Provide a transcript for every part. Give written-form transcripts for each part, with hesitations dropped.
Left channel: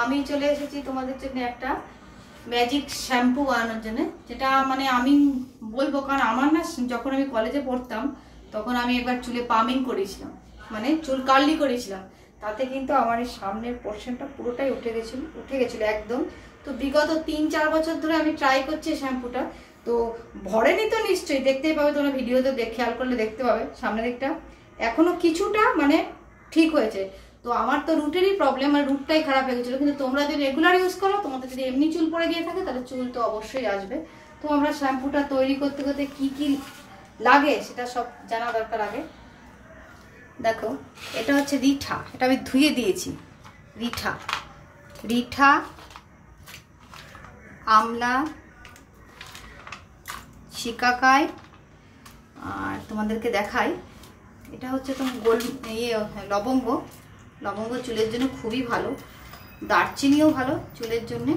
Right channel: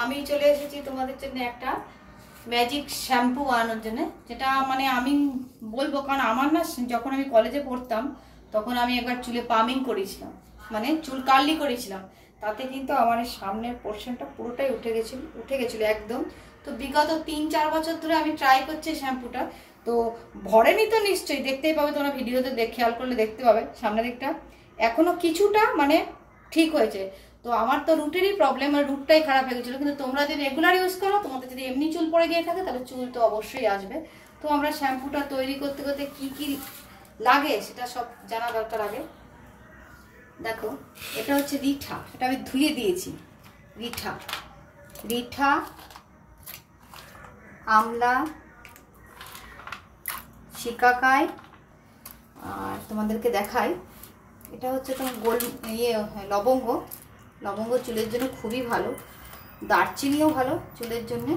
আমি চলে এসেছি তোমাদের জন্য একটা ম্যাজিক শ্যাম্পু বানানোর জন্য, যেটা মানে আমি বলবো কারণ আমার না যখন আমি কলেজে পড়তাম তখন আমি একবার চুলে পামিং করেছিলাম, মানে চুল কার্লি করেছিলাম। তাতে কিন্তু আমার এই সামনের পোর্শনটা পুরোটাই উঠে গেছিলো একদম। তো বিগত 3-4 বছর ধরে আমি ট্রাই করছি শ্যাম্পুটা। তো ভরেনি তো নিশ্চয়ই, দেখতেই পাবে তোমরা ভিডিওতে খেয়াল করলে দেখতে পাবে সামনের দিকটা এখনো কিছুটা মানে ঠিক হয়েছে। তো আমার তো রুটেরই প্রবলেম, মানে রুটটাই খারাপ হয়ে গেছিলো। কিন্তু তোমরা যদি রেগুলার ইউজ করো, তোমাদের যদি এমনি চুল পড়ে গিয়ে থাকে তাহলে চুল তো অবশ্যই আসবে। তো আমরা শ্যাম্পুটা তৈরি করতে করতে কি কি লাগে সেটা সব জানা দরকার আগে। দেখো, এটা হচ্ছে রিঠা, এটা আমি ধুয়ে দিয়েছি। রিঠা, আমলা, শিকাকাই, আর তোমাদেরকে দেখাই এটা হচ্ছে তোমার লবঙ্গ চুলের জন্য খুবই ভালো, দারচিনিও ভালো চুলের জন্য।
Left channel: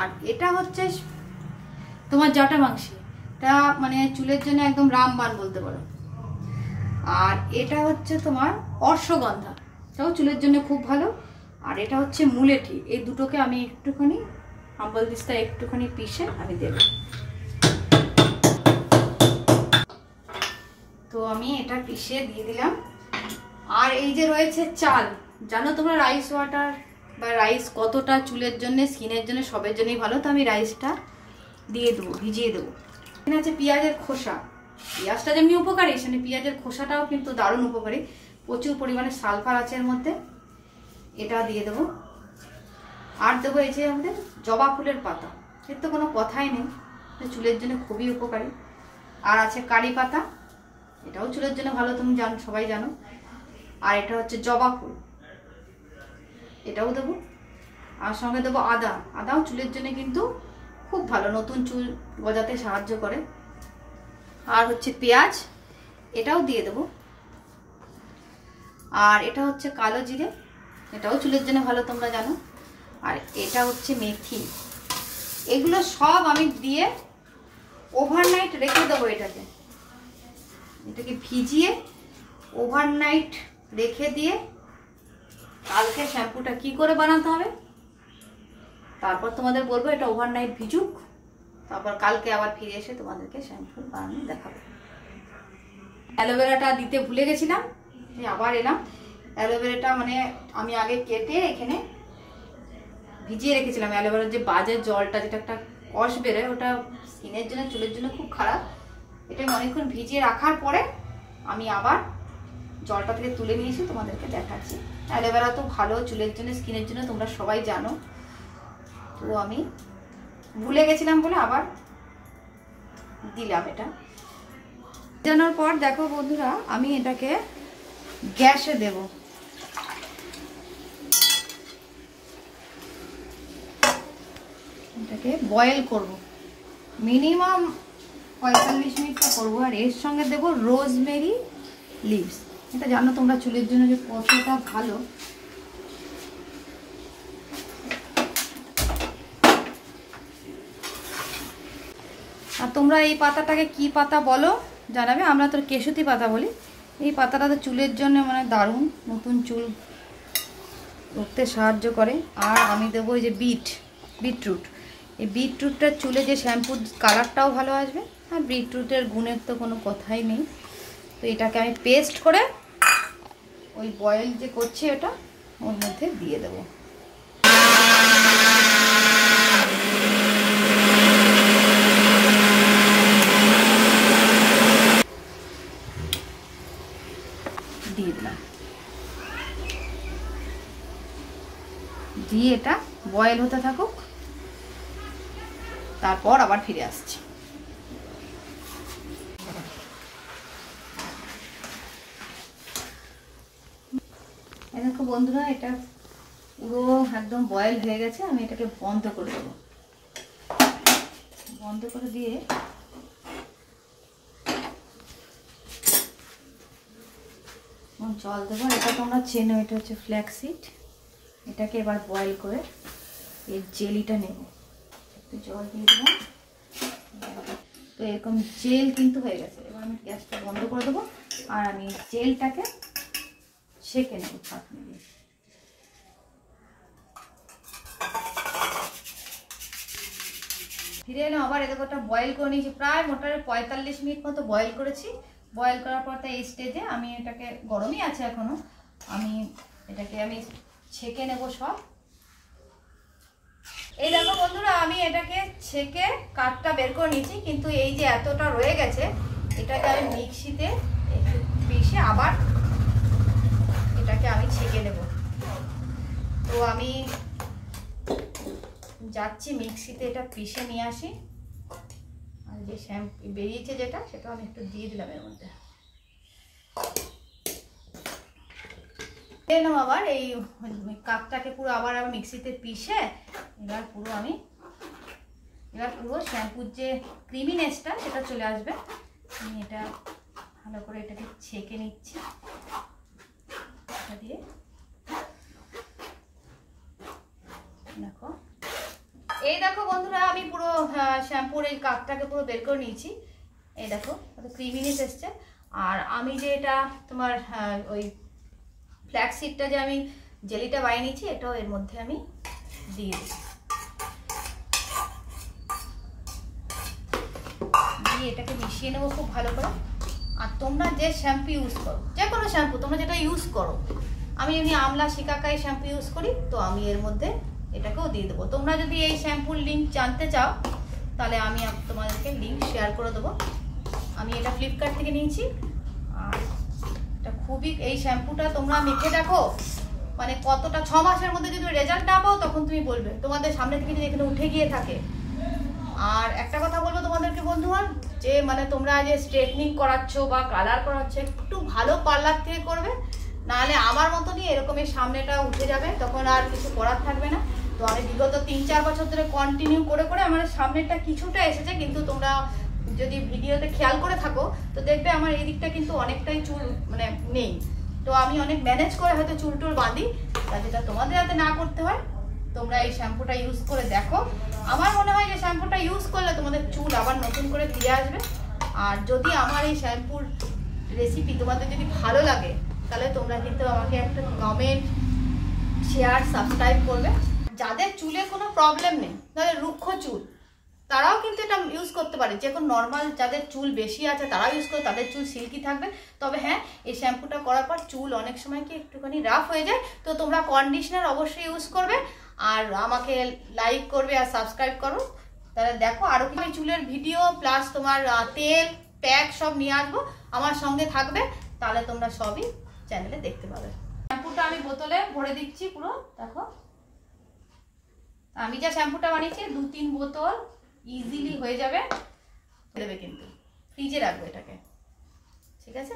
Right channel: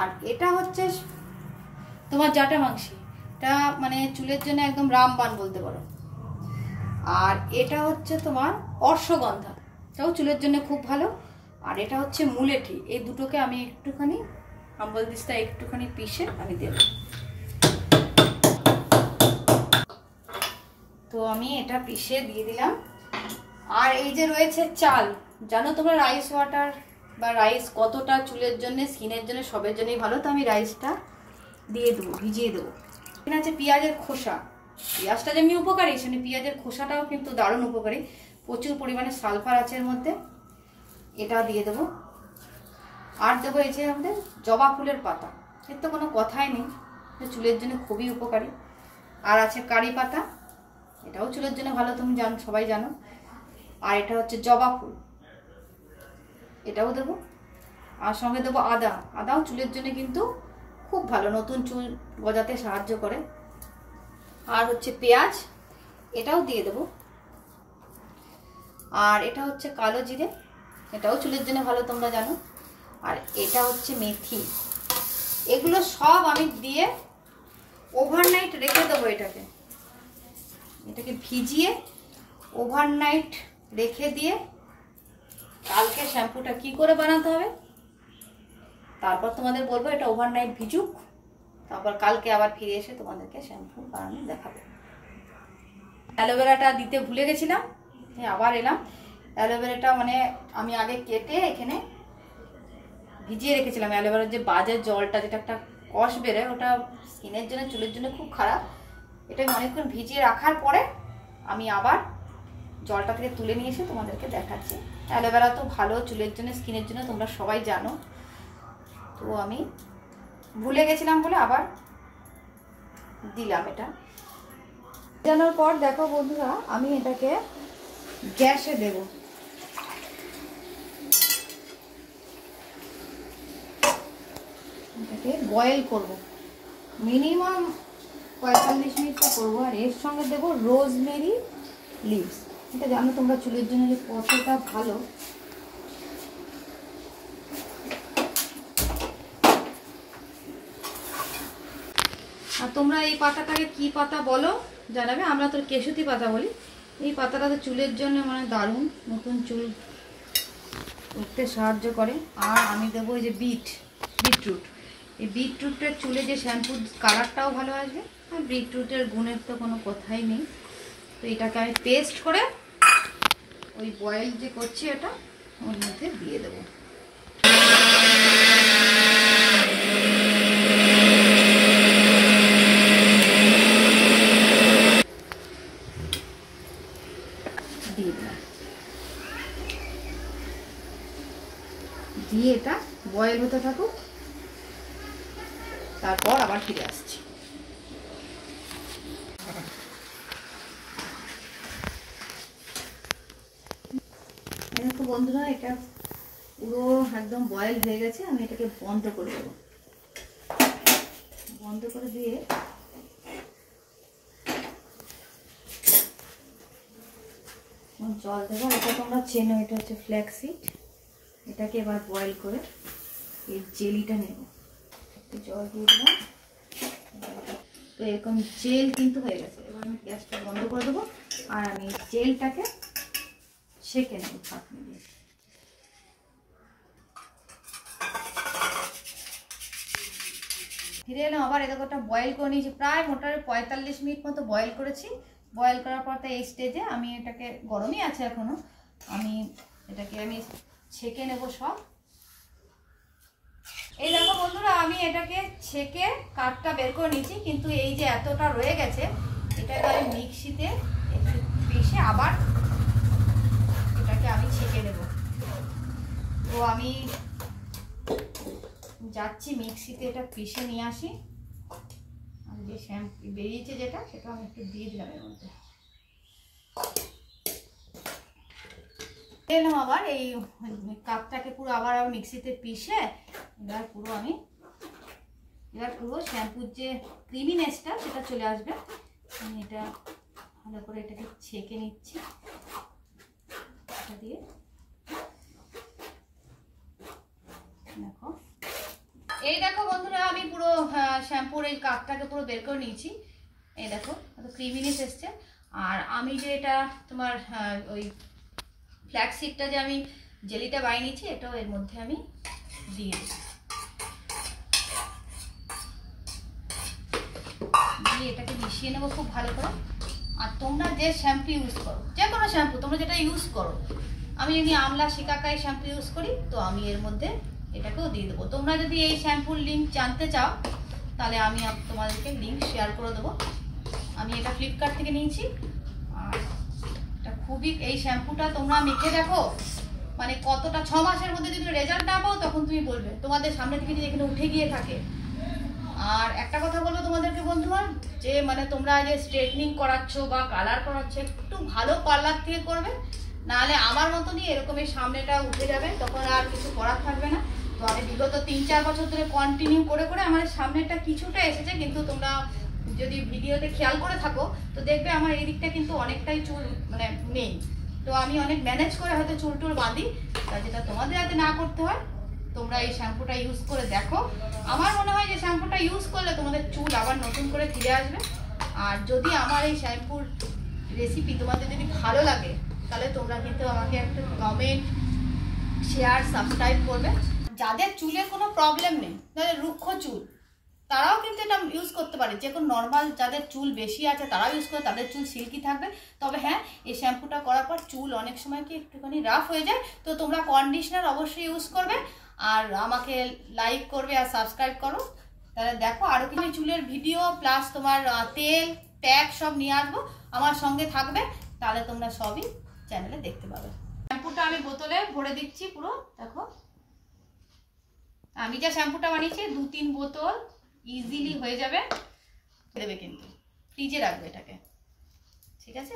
আর এটা হচ্ছে তোমার জাটা মাংসি, এটা মানে চুলের জন্য একদম রামবান বলতে পারো। আর এটা হচ্ছে তোমার অশ্বগন্ধা, এটাও চুলের জন্য খুব ভালো। আর এটা হচ্ছে মুলেঠি। এই দুটোকে আমি একটুখানি হাম্বল দিস্তা একটুখানি পিষে আমি দেব। তো আমি এটা পিষে দিয়ে দিলাম। আর এই যে রয়েছে চাল, জানো তোমরা রাইস ওয়াটার বা রাইস কতটা চুলের জন্য, স্কিনের জন্য, সবের জন্যই ভালো। তো আমি রাইসটা দিয়ে দেবো, ভিজিয়ে দেবো। এখানে আছে পেঁয়াজের খোসা। পেঁয়াজটা যেমনি উপকারী, সেমনি পেঁয়াজের খোসাটাও কিন্তু দারুণ উপকারী, প্রচুর পরিমাণে সালফার আছে এর মধ্যে। এটা দিয়ে দেবো। আর দেবো এই যে আমাদের জবা ফুলের পাতা, এর তো কোনো কথাই নেই, চুলের জন্য খুবই উপকারী। আর আছে কারি পাতা, এটাও চুলের জন্য ভালো, তুমি সবাই জানো। আর এটা হচ্ছে জবা ফুল, এটাও দেবো। আর সঙ্গে দেবো আদাও চুলের জন্য কিন্তু খুব ভালো, নতুন চুল গজাতে সাহায্য করে। আর হচ্ছে পেঁয়াজ, এটাও দিয়ে দেবো। আর এটা হচ্ছে কালো জিরে, এটাও চুলের জন্য ভালো, তোমরা জানো। আর এটা হচ্ছে মেথি। এগুলো সব আমি দিয়ে ওভারনাইট রেখে দেবো। এটাকে ভিজিয়ে ওভারনাইট রেখে দিয়ে কালকে শ্যাম্পুটা কি করে বানাতে হবে তারপর তোমাদের বলবো। এটা ওভারনাইট ভিজুক, তারপর কালকে আবার ফিরে এসে তোমাদেরকে শ্যাম্পু বানানো দেখাবো। অ্যালোভেরাটা দিতে ভুলে গেছিলাম, আবার এলাম। অ্যালোভেরাটা মানে আমি আগে কেটে এখানে ভিজিয়ে রেখেছিলাম। অ্যালোভেরার যে বাজে জলটা, যেটা একটা কষ বেরোয়, ওটা স্কিনের জন্য, চুলের জন্য খুব খারাপ। এটা আমি অনেকক্ষণ ভিজিয়ে রাখার পরে আমি আবার জলটা থেকে তুলে নিয়ে এসে তোমাদেরকে দেখাচ্ছি। অ্যালোভেরা তো ভালো চুলের জন্য, স্কিনের জন্য, তোমরা সবাই জানো। তো আমি ভুলে গেছিলাম বলে আবার দিলাম। এটা জানার পর দেখো বন্ধুরা, আমি এটাকে গ্যাসে দেব। এটাকে বয়েল করব, মিনিমাম 45 মিনিট করবো। আর এর সঙ্গে দেবো রোজমেরি লিভস, এটা জানো তোমরা চুলের জন্য যে কতটা ভালো। আর তোমরা এই পাতাটাকে কি পাতা বলো জানাবে, আমরা তো কেশুতি পাতা বলি। এই পাতাটা তো চুলের জন্য মানে দারুণ, নতুন চুল উঠতে সাহায্য করে। আর আমি দেবো এই যে বিটরুট। এই বিটরুটটা চুলে যে শ্যাম্পুর কালারটাও ভালো আসবে, আর বিটরুটের গুণের তো কোনো কথাই নেই। তো এটাকে আমি পেস্ট করে ওই বয়েল যে করছি ওটা ওর মধ্যে দিয়ে দেবো। দিয়ে এটা বয়েল হতে থাকুক, তারপর আবার ফিরে আসছি। দেখো বন্ধুরা, এটা পুরো একদম বয়েল হয়ে গেছে। আমি এটাকে বন্ধ করে দেবো। বন্ধ করে দিয়ে জল দেবো। এটা তোমরা চেনো, এটা হচ্ছে ফ্ল্যাক্সিড। এটাকে এবার বয়েল করে এর জেলিটা নেব। একটু জল দিয়ে দিলাম। তো এরকম জেল কিন্তু হয়ে গেছে। এবার আমি গ্যাসটা বন্ধ করে দেবো আর আমি জেলটাকে সেঁকে নেব ছাঁকনি দিয়ে। ফিরে এলাম আবার। এরকম একটা বয়েল করে নিয়েছি, প্রায় মোটামুটি 45 মিনিট মতো বয়েল করেছি। বয়েল করার পর তো এই স্টেজে আমি এটাকে, গরমই আছে এখনো, এটাকে আমি ছেঁকে নেব সব। এই দেখো বন্ধুরা, আমি এটাকে ছেঁকে কাঠটা বের করে নিয়েছি, কিন্তু এই যে এতটা রয়ে গেছে এটাকে আমি মিক্সিতে পিষে আবার এটাকে আমি ছেঁকে নেব। তো আমি যাচ্ছি মিক্সিতে এটা পিষে নিয়ে আসি। আর যে শ্যাম্পু বেরিয়েছে যেটা, সেটা আমি একটু দিয়ে দিলাম এর মধ্যে। এলাম আবার এই কাপটাকে পুরো আবার আমি মিক্সিতে পিষে এবার পুরো শ্যাম্পুর যে ক্রিমিনেসটা সেটা চলে আসবে। আমি এটা ভালো করে এটাকে ছেঁকে নিচ্ছি দিয়ে। দেখো, এই দেখো বন্ধুরা, আমি পুরো শ্যাম্পুর এই কাপটাকে পুরো বের করে নিয়েছি। এই দেখো কত ক্রিমিনেস এসছে। আর আমি যে এটা তোমার ওই ফ্ল্যাক্সিডটা যে আমি জেলিটা বানিয়ে নিয়েছি, এটাও এর মধ্যে আমি দিয়ে এটাকে মিশিয়ে নেবো খুব ভালো করে। আর তোমরা যে শ্যাম্পু ইউজ করো, যে কোনো শ্যাম্পু তোমরা যেটা ইউজ করো, আমি যদি আমলা শিকাকাই শ্যাম্পু ইউজ করি, তো আমি এর মধ্যে এটাকেও দিয়ে দেবো। তোমরা যদি এই শ্যাম্পুর লিঙ্ক জানতে চাও তাহলে আমি তোমাদেরকে লিঙ্ক শেয়ার করে দেবো। আমি এটা ফ্লিপকার্ট থেকে নিয়েছি। আর এটা খুবই, এই শ্যাম্পুটা তোমরা মেখে দেখো, মানে কতটা, 6 মাসের মধ্যে যদি রেজাল্ট না পাও তখন তুমি বলবে, তোমাদের সামনে থেকে যদি এখানে উঠে গিয়ে থাকে। আর একটা কথা বলবো তোমাদেরকে বন্ধুরা, যে মানে তোমরা যে স্ট্রেটনিং করাচ্ছ বা কালার করাচ্ছ, একটু ভালো পার্লার থেকে করবে, নাহলে আমার মতনই এরকম এই সামনেটা উঠে যাবে, তখন আর কিছু করার থাকবে না। তো আমি বিগত 3-4 বছর ধরে কন্টিনিউ করে আমার সামনেটা কিছুটা এসেছে, কিন্তু তোমরা যদি ভিডিওতে খেয়াল করে থাকো তো দেখবে আমার এই দিকটা কিন্তু অনেকটাই চুল মানে নেই। তো আমি অনেক ম্যানেজ করে হয়তো চুল টুল বাঁধি, তা যেটা তোমাদের যাতে না করতে হয়, তোমরা এই শ্যাম্পুটা ইউজ করে দেখো। আমার মনে হয় যে শ্যাম্পুটা ইউজ করলে তোমাদের চুল আবার নতুন করে ফিরে আসবে। আর যদি আমার এই শ্যাম্পুর রেসিপি তোমাদের যদি ভালো লাগে, তাহলে তোমরা কিন্তু আমাকে একটা কমেন্ট, শেয়ার, সাবস্ক্রাইব করবে। যাদের চুলে কোনো প্রবলেম নেই, যাদের রুক্ষ চুল, তারাও কিন্তু এটা ইউজ করতে পারে। যে কোনো নর্মাল যাদের চুল বেশি আছে তারাও ইউজ করে, তাদের চুল সিল্কি থাকবে। তবে হ্যাঁ, এই শ্যাম্পুটা করার পর চুল অনেক সময় কি একটুখানি রাফ হয়ে যায়, তো তোমরা কন্ডিশনার অবশ্যই ইউজ করবে। আর আমাকে লাইক করবে আর সাবস্ক্রাইব করো। তাহলে দেখো আরও কিছু চুলের ভিডিও প্লাস তোমার তেল প্যাক সব নিয়ে আসবো, আমার সঙ্গে থাকবে, তাহলে তোমরা সবই চ্যানেলে দেখতে পাবে। শ্যাম্পুটা আমি বোতলে ভরে দিচ্ছি পুরো। দেখো, আমি যা শ্যাম্পুটা বানিয়েছি 2-3 বোতল ইজিলি হয়ে যাবে। দেবে কিন্তু ফ্রিজে রাখবে এটাকে, ঠিক আছে।